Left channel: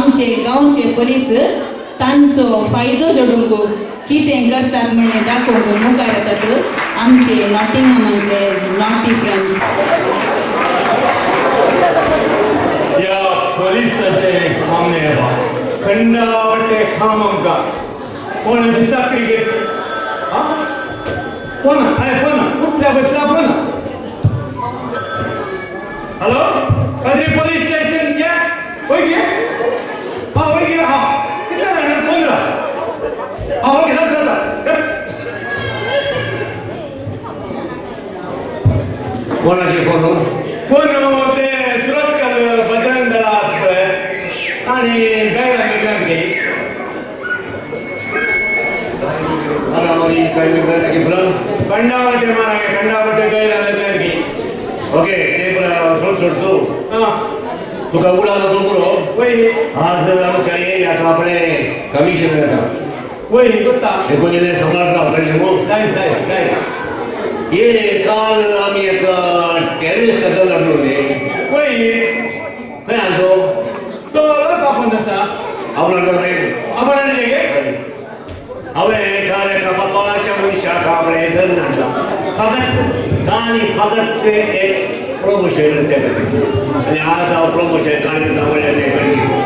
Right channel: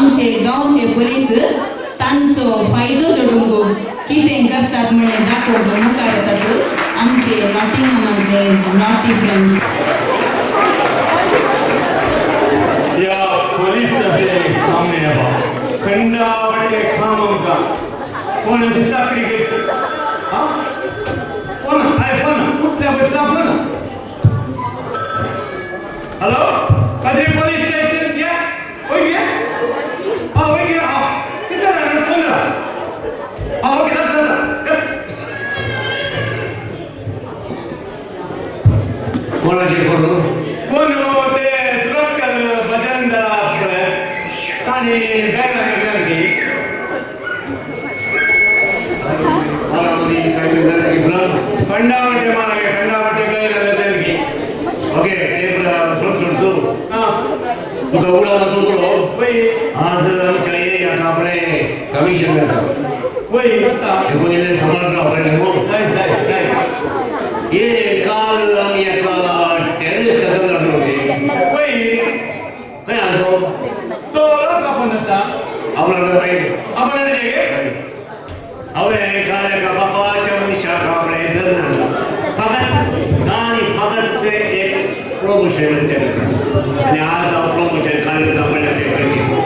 आमचे गांवचे पोलीस तांचो फायदो जोडूंक कितें करतात म्हणलें दाखोवंक मुखार येतात आमचे नॉटिंगहामांतले नॉटी फ्रेंड्स. या पोलिसाचे काम नाही बाबा खंडावटे काम आमकां कोण दिसाकरी घेत हा कोण आय फोन कुठल्या बसला फोन हॅलो कधी पोलीस स्टेशन घ्या होय घ्या हा होय घ्या हा किती जण कोण हा ओके चला कोणाचे फोन फोन ते सुरतकर बजरंग दलात ताणी गायला की खंडावटे मारागे खंडावटे गायला की ओके सोड तू हां तुका उडा करो वही आज आमच्या एरियात आपले कमिशनर वही बता एकोणीने समाजराव कळले मग काय ये काल आम्ही एका टेररिस्ट हातात लढलो होते वही काय आलो तो लोक आपण असा आपला नाही आपण जे हांवें काल एका बापाच्या मनशाक आपले धरून हाडला फकत एक प्रमोशन ते खातीर आनी आज हांव प्रमोशन कांय आवडलें ते करची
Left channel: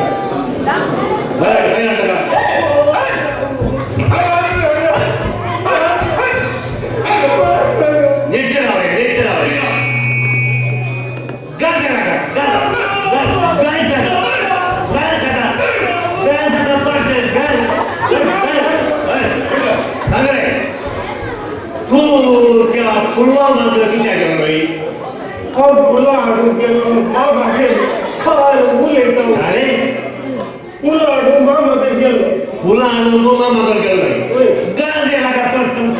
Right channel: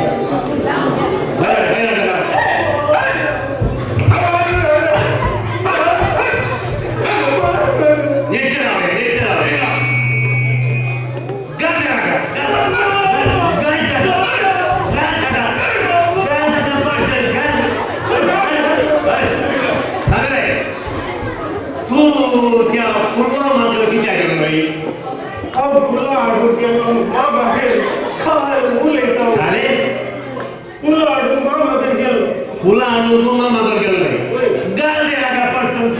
बरें फुलां हाडून मागोर गेलो नाही गाल दे नाका पडटन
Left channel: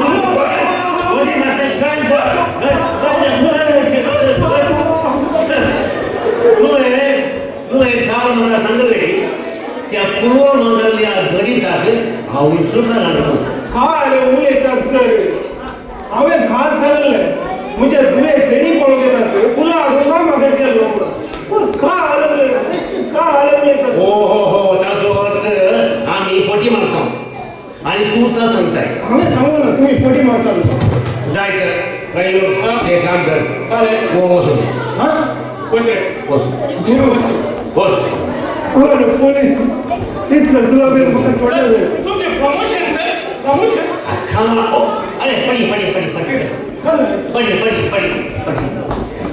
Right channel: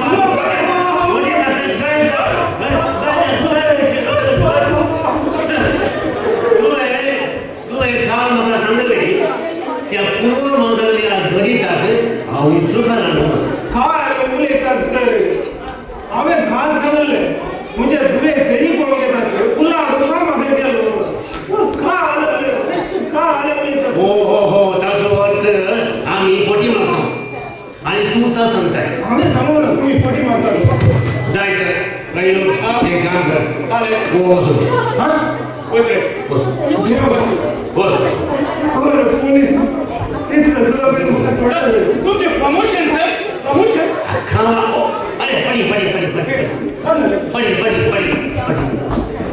तुवें काल म्हाका सांगलें त्या पुरवा मांदरल्या गणिताक हांव सुद्दां हाडलो काय उलयतात सर हांवें काल सांगलें म्हणजे दुवे फेरी पळोवंक येतात फुलां हाडून मागोर गेलो काय आलं हो ताचो अर्थ आम्ही पटी मारतो आणि तू सांगताय आम्ही सांगू ना तुम्ही पटी मारता जाय तर काही काम कर आले बस हा बस रे बस बस पोलीस इतकं सुलभ तुमचे प्रमोशन सर प्रमोशन खाना अरे पडी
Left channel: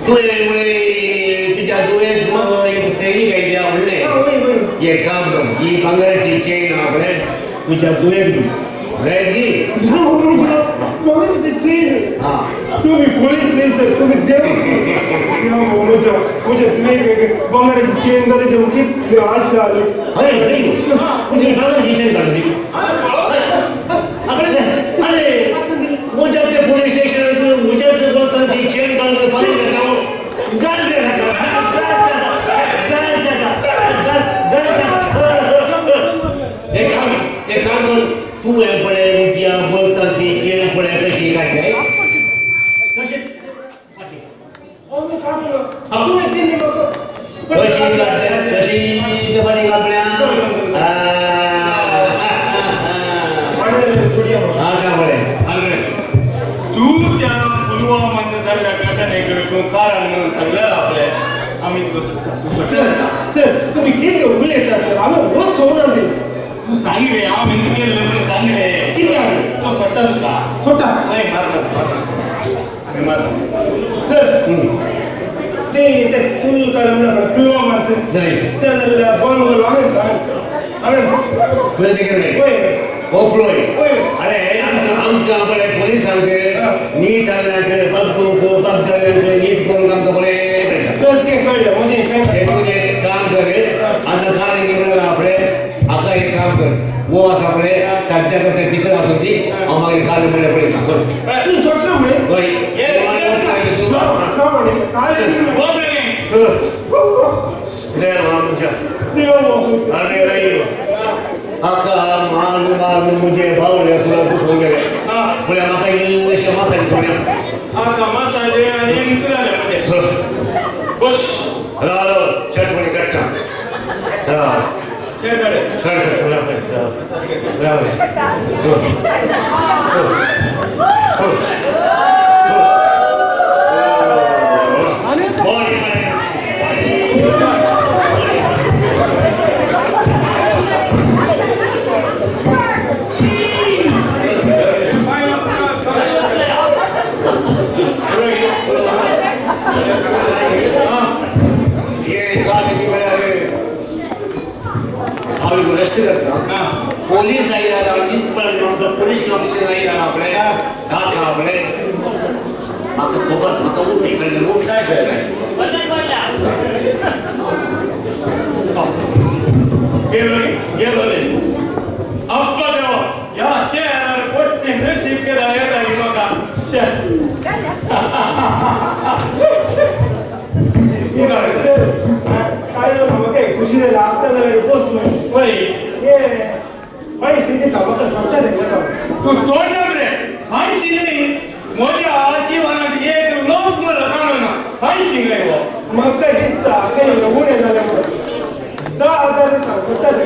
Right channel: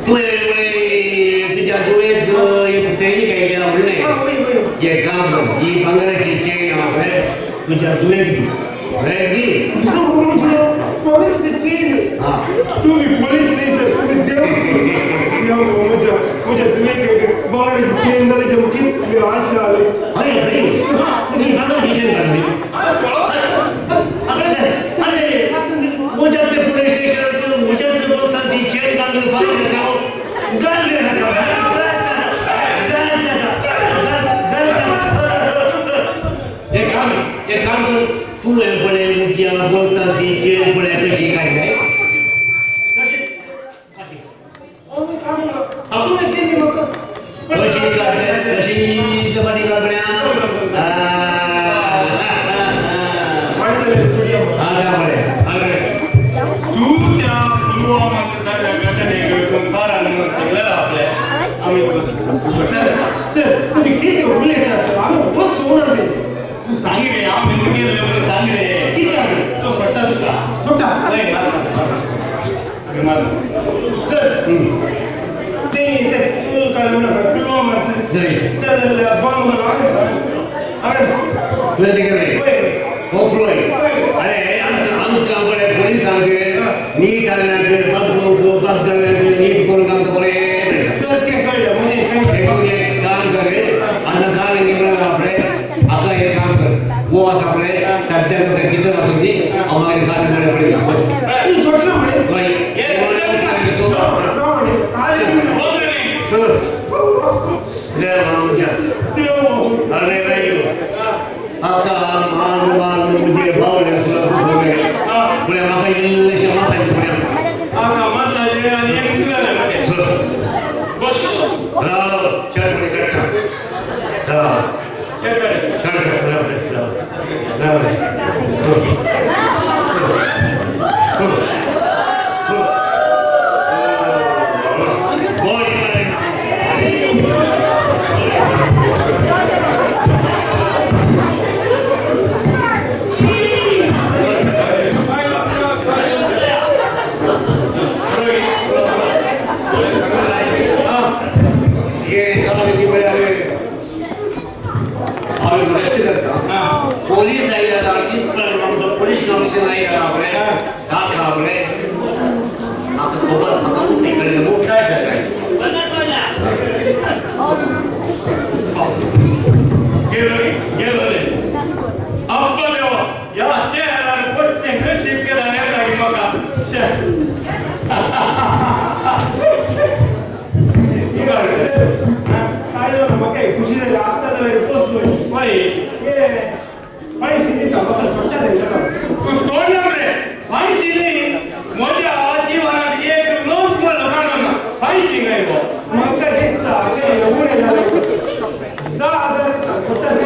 तू तुझ्या दुयेत एक सैनिक आयडिया म्हणले हे काम कर ही भांगराची चेन आपल्या तुझ्या दुयेत दी हा तुम्ही पोलीस नाही सर तुम्ही देव मुझे तुम्ही बंगाराची चेन घालायची मुकीत आशा आली अरे तुझी भांगराची चेन घालली मुझ्या ते पोलीस स्टेशन मुझ्याच बोलतात ती चेन घालून पाहिजे गाल दे एक काम कर तू हे पडे मुझ्या बोलतात ती चेन पडे कशी काय काय कशी कशी पाठी कापड्या अरे आमकां बरे पोलीस नीट हाडल्याक नीट करून आमकां बरें काम कर आनी काल आपले हाका एक काम कर वो आसा पळय सद्याक कितें आसूं ती हांव मागीर काल बरें पळयता अरे आका मान मुझे भावले पोलीस आयला पोलीस कमिशन आयला आपल्याला का आपले आता खोबत मका उठ निकलले उठ काय गेलो रे अब्बा देवा या चेहऱ्यावर गोष्टी नशीब केला येता की मका काय झालं मग काय खुशी झाली आता झालं पोचलोय होय ये पैसे दे का मग स्वतः दे का तू तोंड रे फायशी नाही माझ्या जीवनात एक रोज मला काढू ना फायशी नाही हो मग काय दिसता काही उणे झालं 10,000 देता स्वतः दे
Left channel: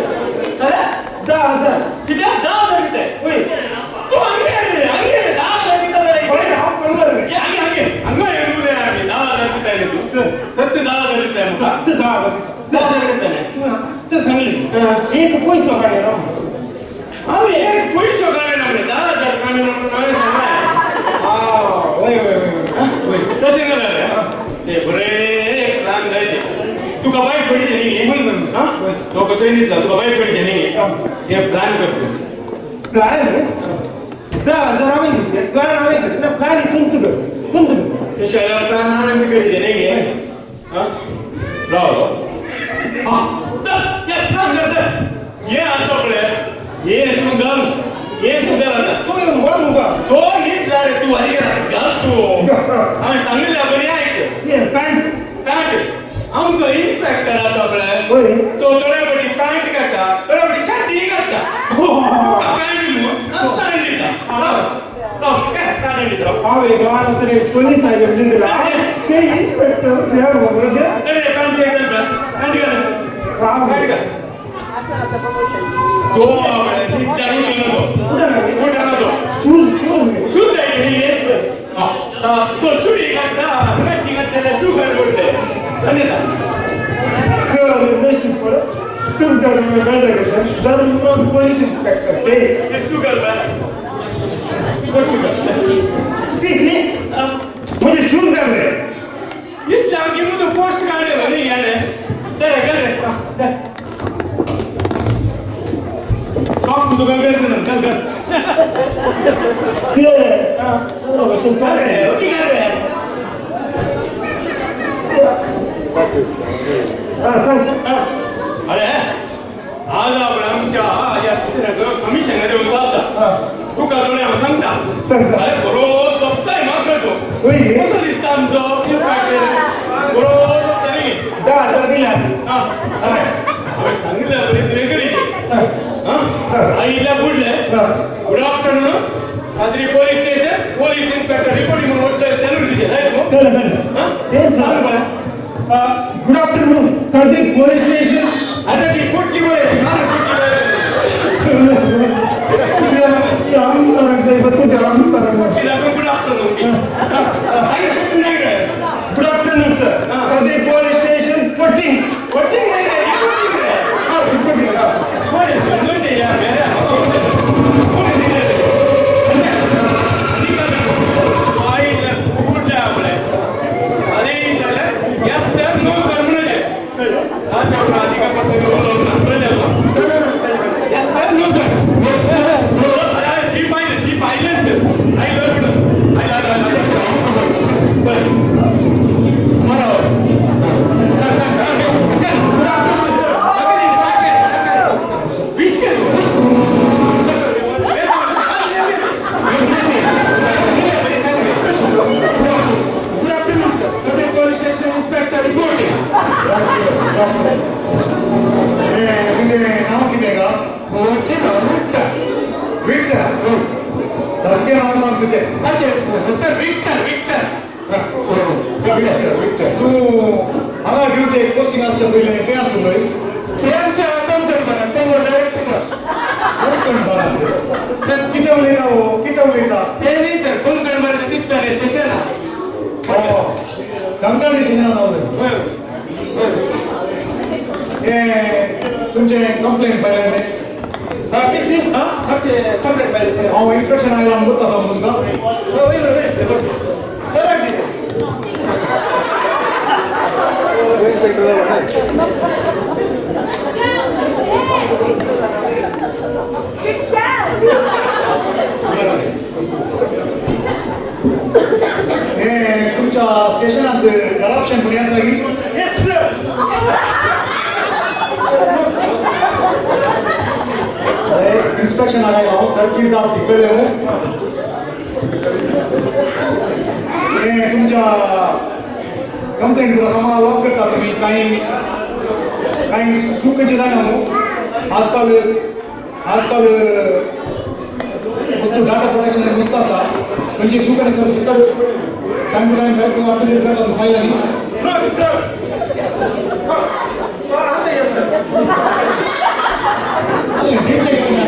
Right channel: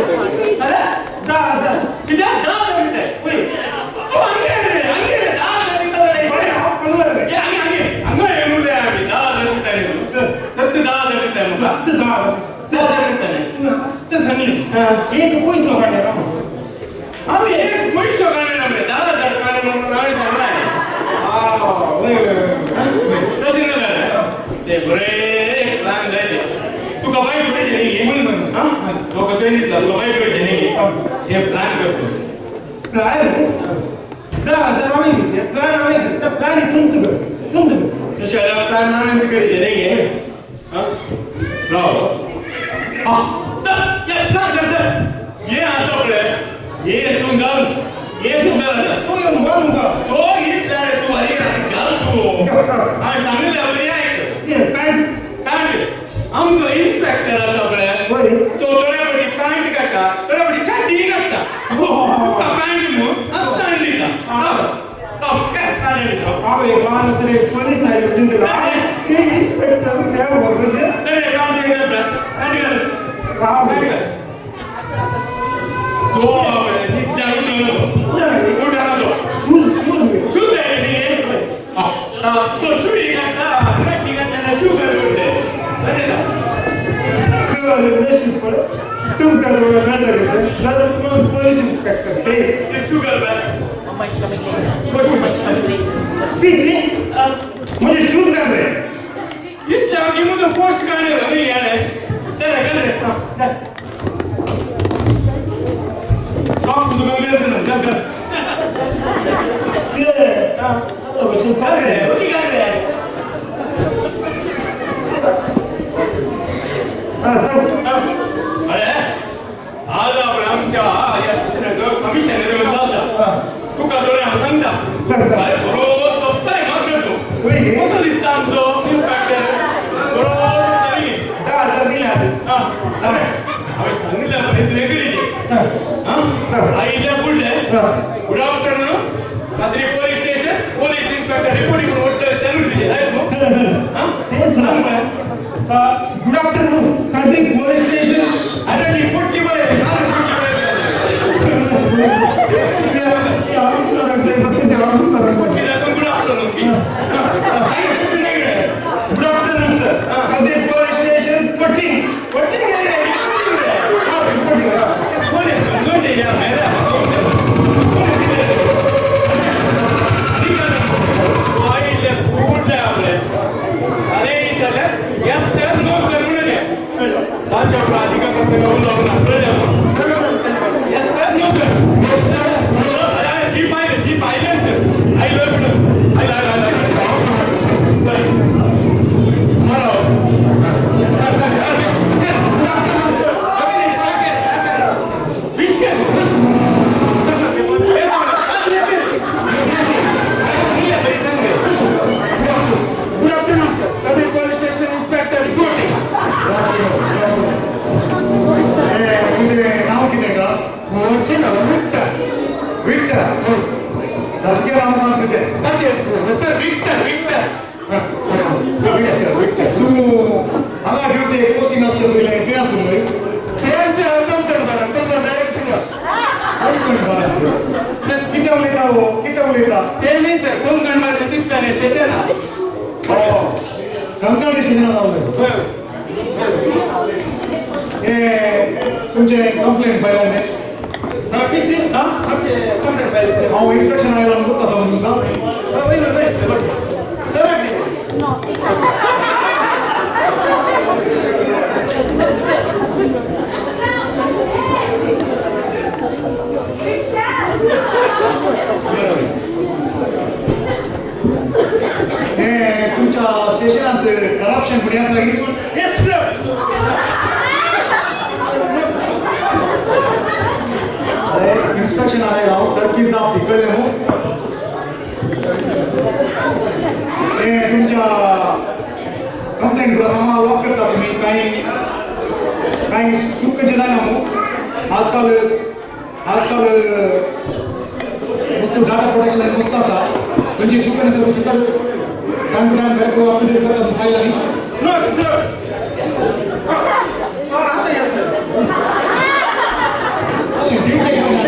अरे 10,000 किती 10,000 देते होय तू अंगे 10,000 देते पण हा पडलं रे अंगे येऊ दे आम्ही 10,000 देते तू सत्य 10,000 देते मग 10,000 देते नाही तू ते सांगली एक पैसा काढे ना आम्ही एक पैसे काढले ना 10,000 काढले म्हणून नावे सांगलाय होय तसे नव्हे ते बरे प्लॅन द्यायचे तुका बाई थोडी देणी घे हा तो कसं निघला तुका बाई थोडी देणी घे हे प्लॅन करतो प्लॅन 10,000 आम्ही घेतले प्लॅन आम्ही घेतला प्लॅन तुंत कर ते शाळेवर प्लॅन आनंद करी देणी घे हा राव हा ये प्लॅन कर ये असं पडे ये तू घाल तो येऊन मानू का तो घेतला रे तू हरी घाल तू आम्ही सांगितलं बरी ऐक ये पॅन्ट पॅन्ट आमचो इन्स्पेक्टर असा पळय होय तो थोड्यापटी पॅन्ट घालता थोड्यापटी चड्डी घालता पॅन्ट न्हू आत्ता आणली का काय आणली तर हावे गावाला तरी पोलीस आहे जिंदला ते इन्स्पेक्टर त्या बोलले तरी पॅन्ट घाल पॅन्ट घाल राव पॅन्ट घाल तो इथल्या रुटीन तो कुठे आला शूज शूज आहे तो शुई घालता प्रॅक्टी घालता शू घालते आणि नशीब पडे तुमच्या डोळ्यात राहिलं कसं तर मग पोलीस इन्स्पेक्टर ते शू घाल कशी पीसी म्हणजे शूज घालले इथल्या की मुझं पोस्ट काढले नाही याने चला कर रे सॉक्स तू गल कर ना गल कर ते कर रे ओके कर रे सांग अरे आज आपण आमच्या या स्टेशनाकडे कमिशनर येऊन असा तुका थोडे आम्ही सांगता अरे बरोबर सप्ताह मात्र तो कसं दिसतं आमचं इन्स्पेक्टर बरोबर सप्ताह नाही 10,000 दिला अरे आम्ही सांगितलं बरे तुझे करीचे आईला बोलले गुड आफ्टरनून कात्री police station police inspector reporting म्हणून सॅल्यूट दिले आहेत सांग बरं गुड आफ्टरनून कात्री पोलीस स्टेशन अरे ती पोटकी बोले सांग पोटकी दाखवून good afternoon good afternoon sir कात्री पोलीस स्टेशन पोटिंग पोटिंग नाही रे रिपोर्टिंग रे कोण आहे समजून घे यार मेरा कोण आहे दिले आईला कुठल्या आपल्या अरे sir yes sir no sir म्हणजे अच्छा बरेचशे दिनां जावले हे तुमचे कंप्लेंट पहिल्यांदे पीसी आमचे कंप्लेंट पाहिजे हांव इन्स्पेक्शन आयला म्हणून आसा तुमकां वय वय वय सर हे तुमच्या स्टेशनात करप्शन कोणी आसा की येस सर इन्स्पेक्शन आयला हांव सारकी जाप ती कळ्ळें न्हू हे तुमच्या कंप्लेंट प्रमाणे लॉक करता तुम्ही काही चुकीचे जायना न्हू आजकाल वस्तू डाटा प्रोटेक्शन वस्तू आसा खंयची चूक आसा सकट टायम टू टायम अपडेट करता तूं फायलांनी नो सर आता येस सर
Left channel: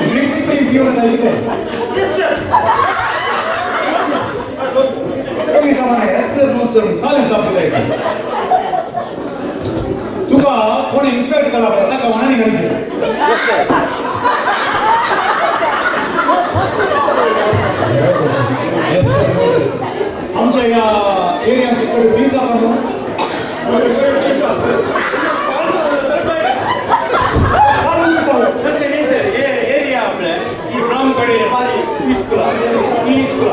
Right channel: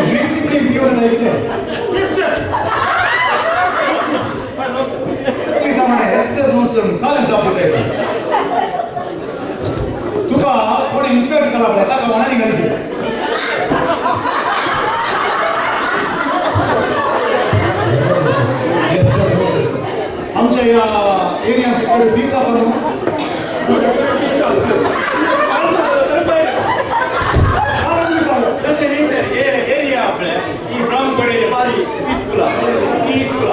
ड्रिंक्स इकडे पिऊन येता कितें येस सर नो सर पयलीं सामान येस सर नो सर कालें जाप दिता तुका कोण इन्स्पेक्ट केला पळय ताका वाण्यानी घालची येस सर नो सर आमच्या ह्या एरियान सकट पीस आसा न्हू तसे नाही सर हे एरिया आपल्या ही ब्राह्मकडे भारी पीसफुल पीसफुल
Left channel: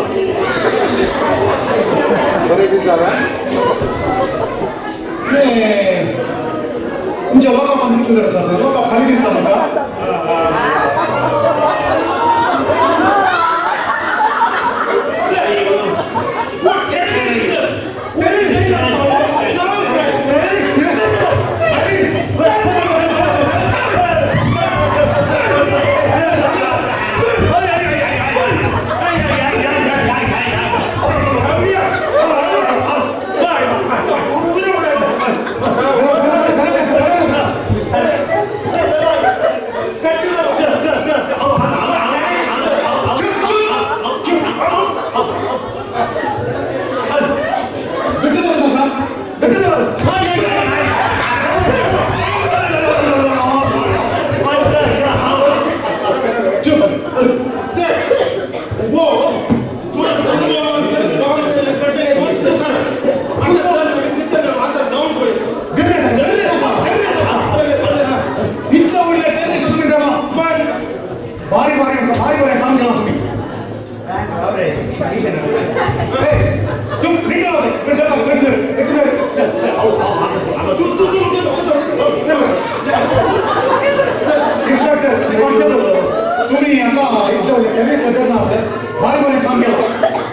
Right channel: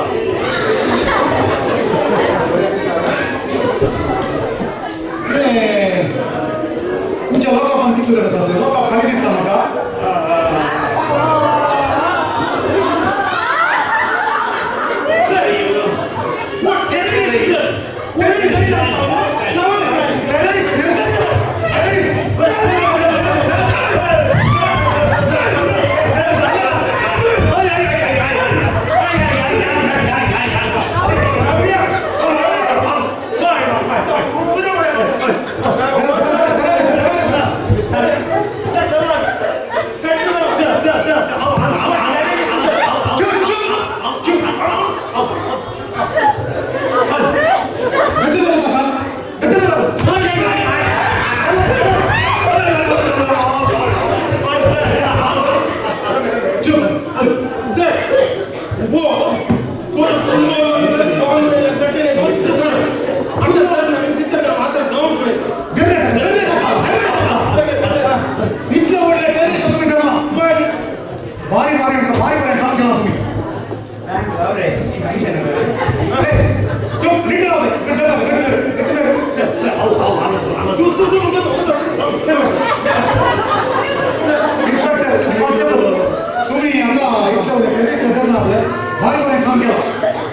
तुमच्या लोकां पण कितले जण आसा लोकां खाली दिसता म्हाका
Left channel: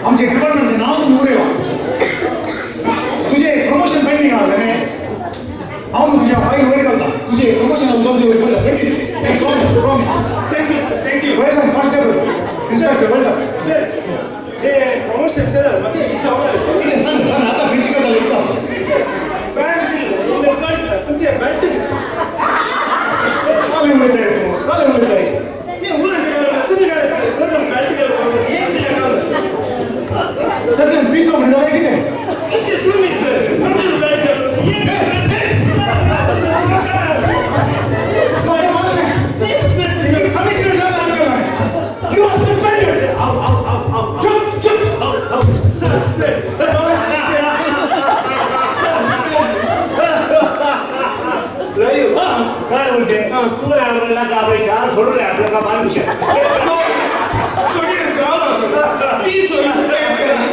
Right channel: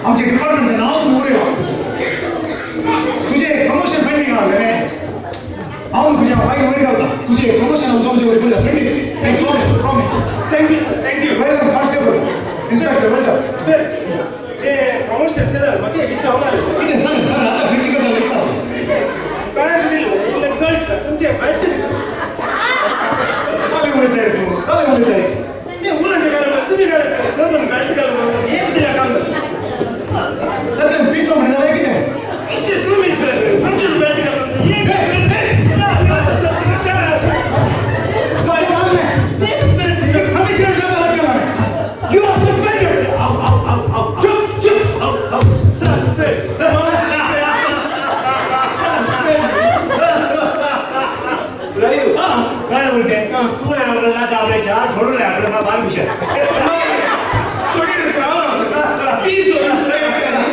आमचे डिपार्टमेंटचे नाव तुम्ही उरे तुझे प्रमोशन पेंडिंग आले ने हांव तुझ्या फाईल वयर घालता तुझे प्रमोशन तुमचे वयर पडटा पेंडिंग प्रॉमिस थँक्यू वेल डन कॉन्स्टेबल इन्स्पेक्टर वेल डन सर हे प्रमोशन चॅनल म्हाका विसा होणार कितें सांग आता खंयची गजाल विसा पॅन्ट दिले गल्ट तुमचे पॅन्ट दिले काले उलयताय तूं काले उलयताय मी उलट घालून तुम्ही घालायचं दोन पॅन्ट घालून एक दिला काम त्यातल्यान पीस म्हणून जालें कितें इशे तुम्ही सर दोन पॅन्ट घालून एक काय बोलते तू आपल्याला का चहा सोडून आपल्याला बाल विषय सोडी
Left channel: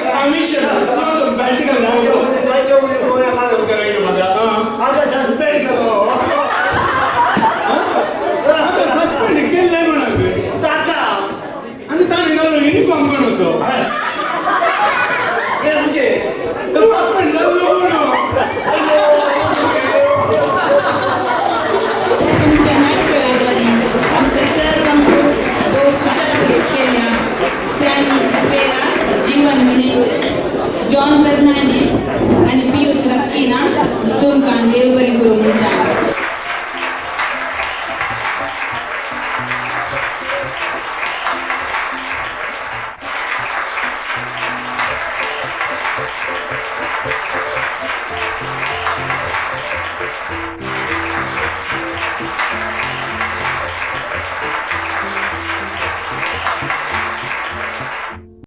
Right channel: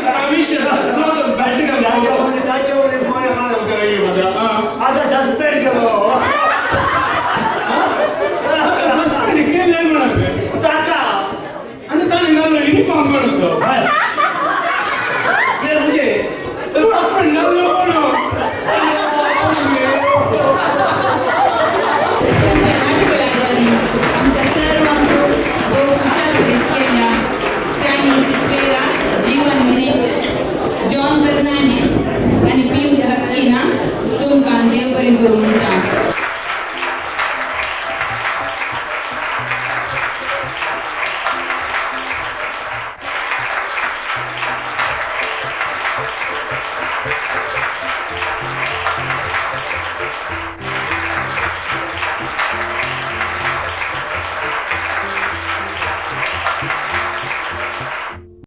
कमिशन दोन पॅन्ट घालून काय चौकडे कोण्या काय करायला माझा आता सस्पेंड करो सस्पेंड केलंय म्हणा टाका आणि ताणे घाललो युनिफॉर्म पण असो म्हणजे सस्पेंड घाललो कोण तुमच्या नाटकळाद्वारे आमकां सर्वांक भोव खुशाल केल्या स्टॅनी चिपेरा जीवन मेनेझेस जॉन फर्नांडीस आणि पियुष रस्किना